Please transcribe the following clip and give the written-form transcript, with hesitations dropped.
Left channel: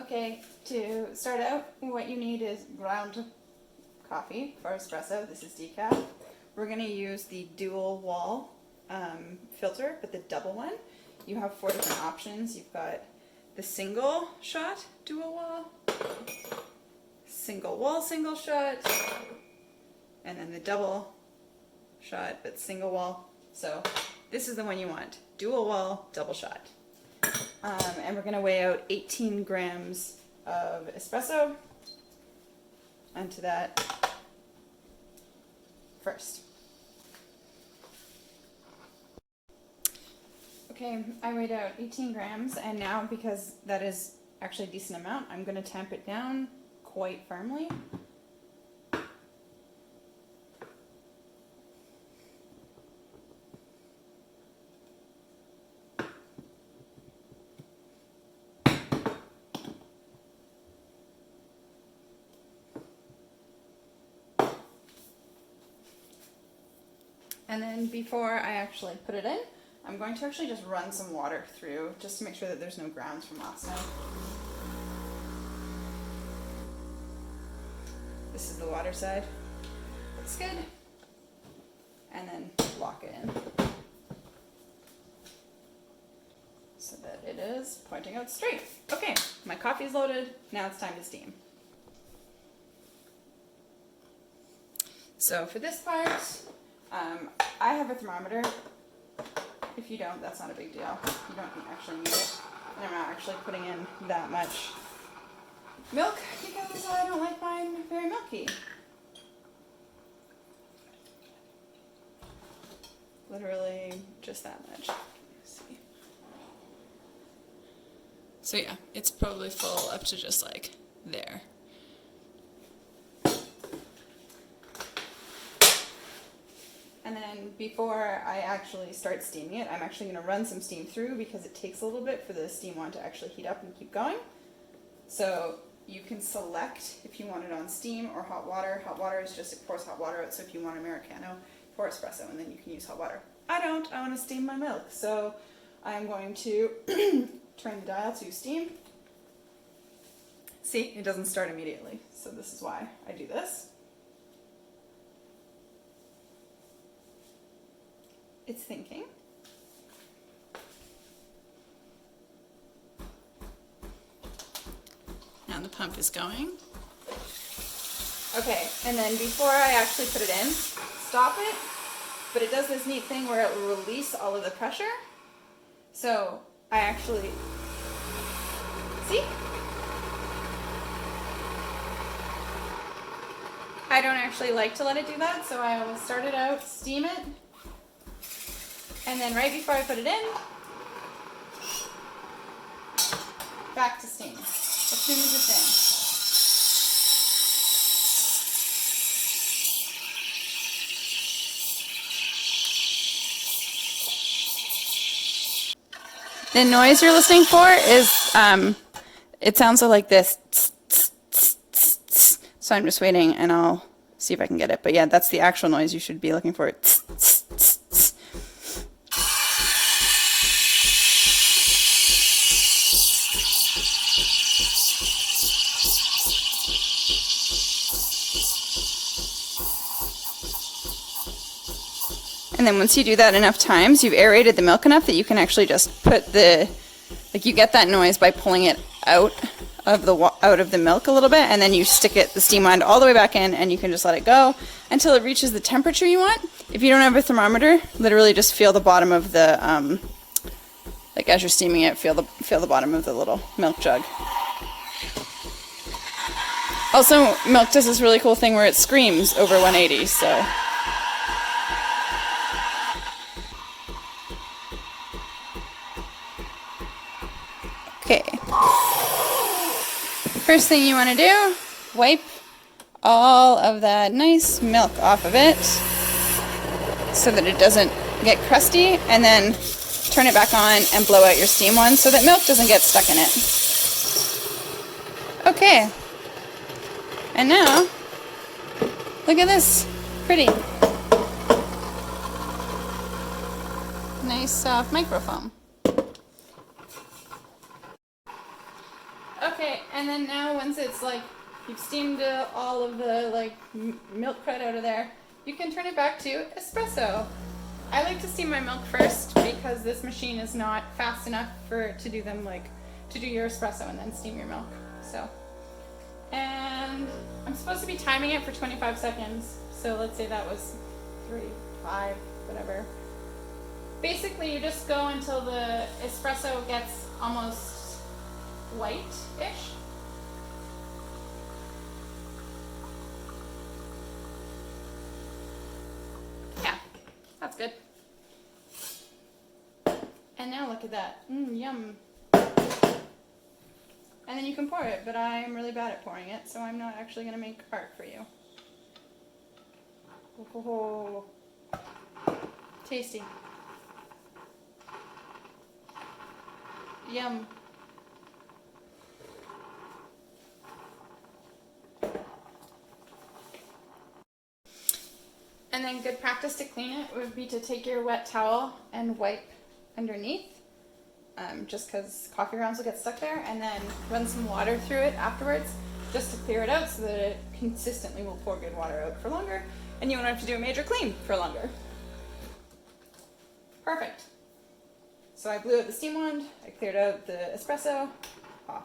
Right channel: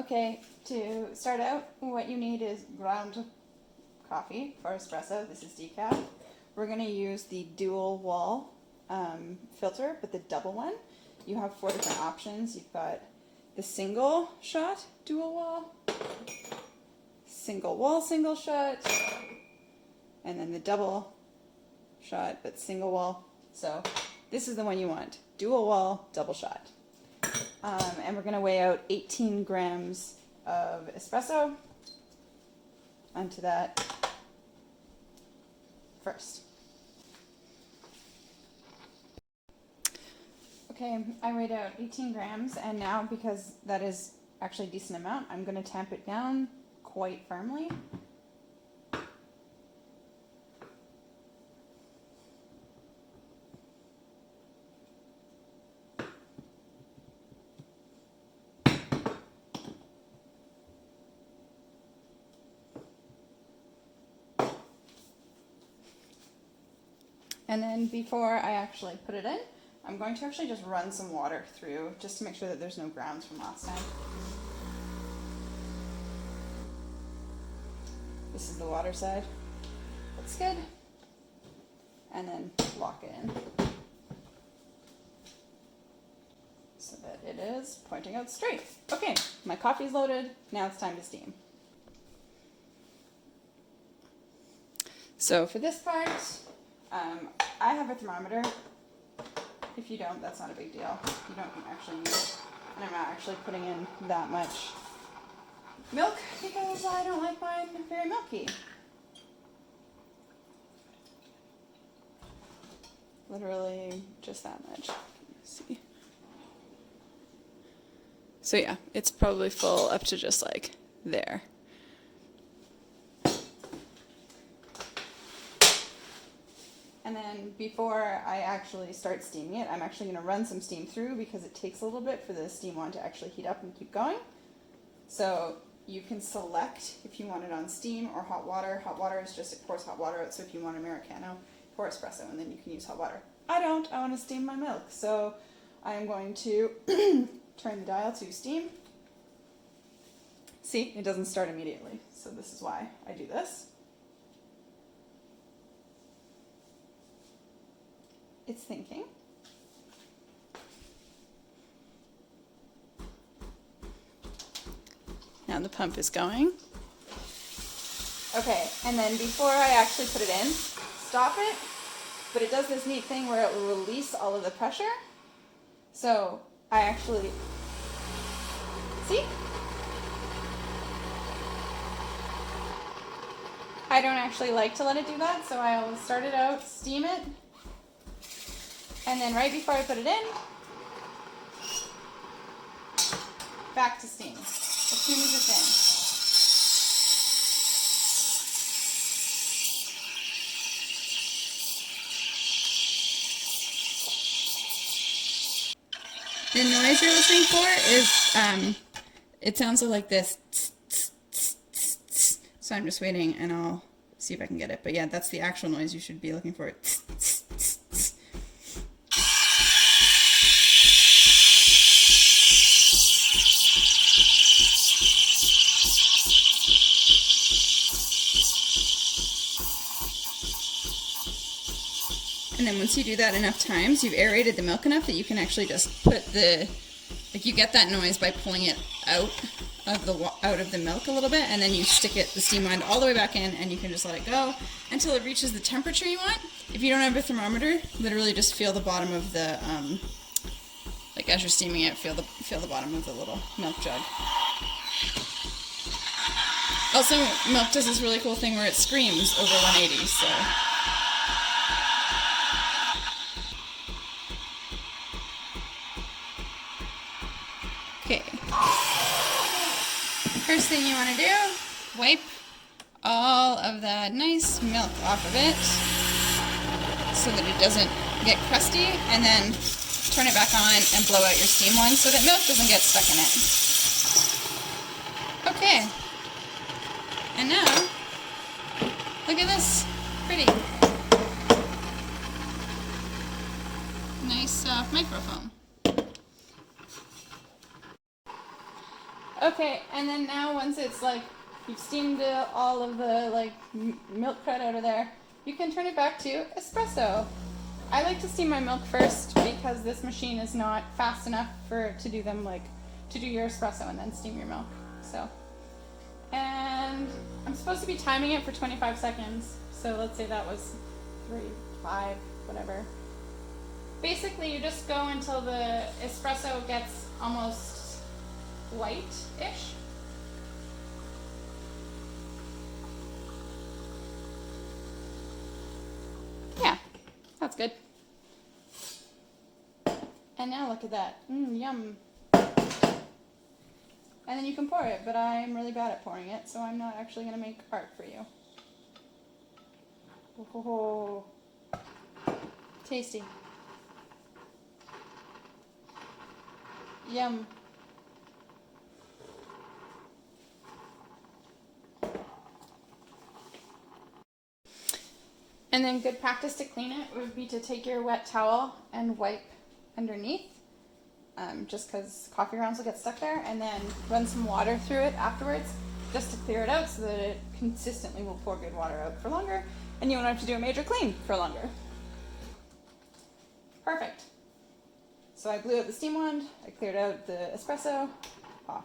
Okay, to start out, what you need is ground coffee for espresso. This is decaf. We're going to use the dual wall filter, but the double one. You have 4 different options. You've got the single shot dual wall, single wall single shot, and then the double shot but single wall. So this is the one you want. Dual wall, double shot. And we're going to weigh out 18 grams of espresso onto that first. Okay, I weighed out 18 grams, and now because that is actually a decent amount, I'm going to tamp it down quite firmly. And then before I actually put it in, I'm going to actually just run some water through just to make sure that there's no grounds from last time. This is the water side. Looks good. And then lock it in so that it is pointing out straight. Okay, my coffee's loaded. Now it's time to steam. So for this part, I have a thermometer. If you don't, that's not a big deal. You don't actually need it. And I'm not actually putting in that much milk because I don't like mine very milky. Literally just that much. Let me see. So yeah, it's probably full up to just like there. And then before I actually start steaming it, I'm actually going to run some steam through because it takes a little bit for the steam one to actually heat up and keep going. So you can select if you want it on steam or hot water. Hot water is just, it pours hot water out, so if you want Americano, pour espresso and then you can use hot water. I don't, I want to steam my milk. So I am going to turn the dial to steam. See, it doesn't start immediately, so this is why I do this. It's thinking. Now the pump is going. Okay, and then before I actually put it in, stop it, but it does this neat thing where it will release all of the pressure. So I actually, see? I don't actually like to let it do that, so I will start it out, steam it, and then right before I put it in, back to steam, as soon as it's in. The noise you're listening for is, it sounds like this, so I'm just waiting and I'll see if I can get it. But yeah, that's the actual noise you should be looking for. And then once you do that enough times, you've aerated the milk enough that you can actually just put the, like you get that noise by pulling it out of the milk a little bit, and then you stick it, the steam wand, all the way back in, and you can just let it go until it reaches the temperature you want. If you don't have a thermometer, literally just feel the bottom of the, like as you're steaming it, feel the bottom of the little milk jug. Also, milk does this really cool thing where it screams over 180, so. Okay. First thing you want to do, wipe all of that nice milk off of it so that it doesn't get crusty, and then turn it back on and blow out your steam one so that milk doesn't get stuck in it. Okay. And now, look at this. Pretty. Nice soft microfoam. Okay, and then now once it's like you've steamed all of the like milk crud out of there, you can turn it back to espresso. I like to steam my milk first because this machine is not fast enough to do them like to do your espresso and then steam your milk. So, and I'm supposed to be timing it for 25 seconds. So let's say that was 3, 5, whatever. Basically, you just go until the espresso gets almost white-ish. Yeah, that's good. And now look at that. Yum. And then you can pour it, but I'm really bad at pouring it, so I'm not actually going to make art for you. Oh, tasty. Yum. And then good practice to clean it would be to take your wet towel and wipe underneath, just because coffee grounds will get stuck there, and then run some water through it afterwards just to clear it out so that it consistently will pour good water out for longer and you won't have to do a major clean for longer. Perfect. So I blew out the steam wand, I cleared out the espresso, off.